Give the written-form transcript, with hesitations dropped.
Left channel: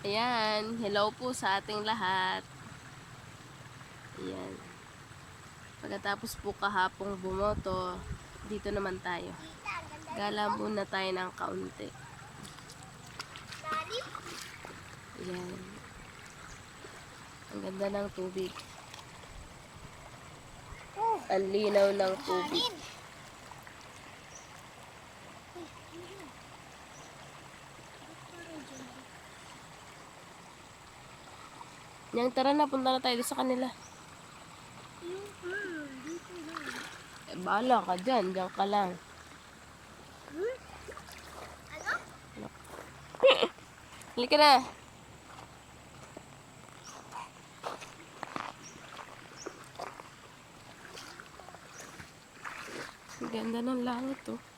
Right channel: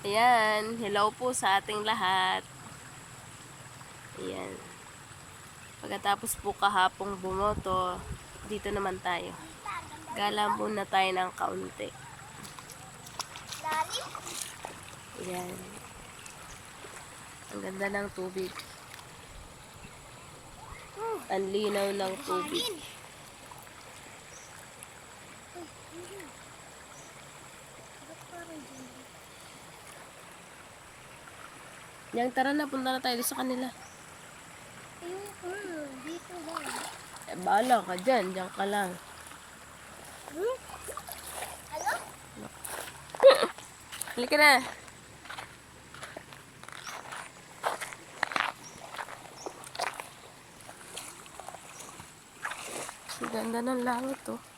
Ayan, hello po sa ating lahat. Ayan. Pagkatapos po kahapong bumoto, dito naman tayo. Gala muna tayo ng kaunti. Ayan. Ang ganda ng tubig. Ang linaw ng tubig. Yang tara na, punta na tayo sa kanila. Dito ba? Bahala ka dyan, dyan ka lang. Ano? Halika na. Ang ganda ng laut, oh.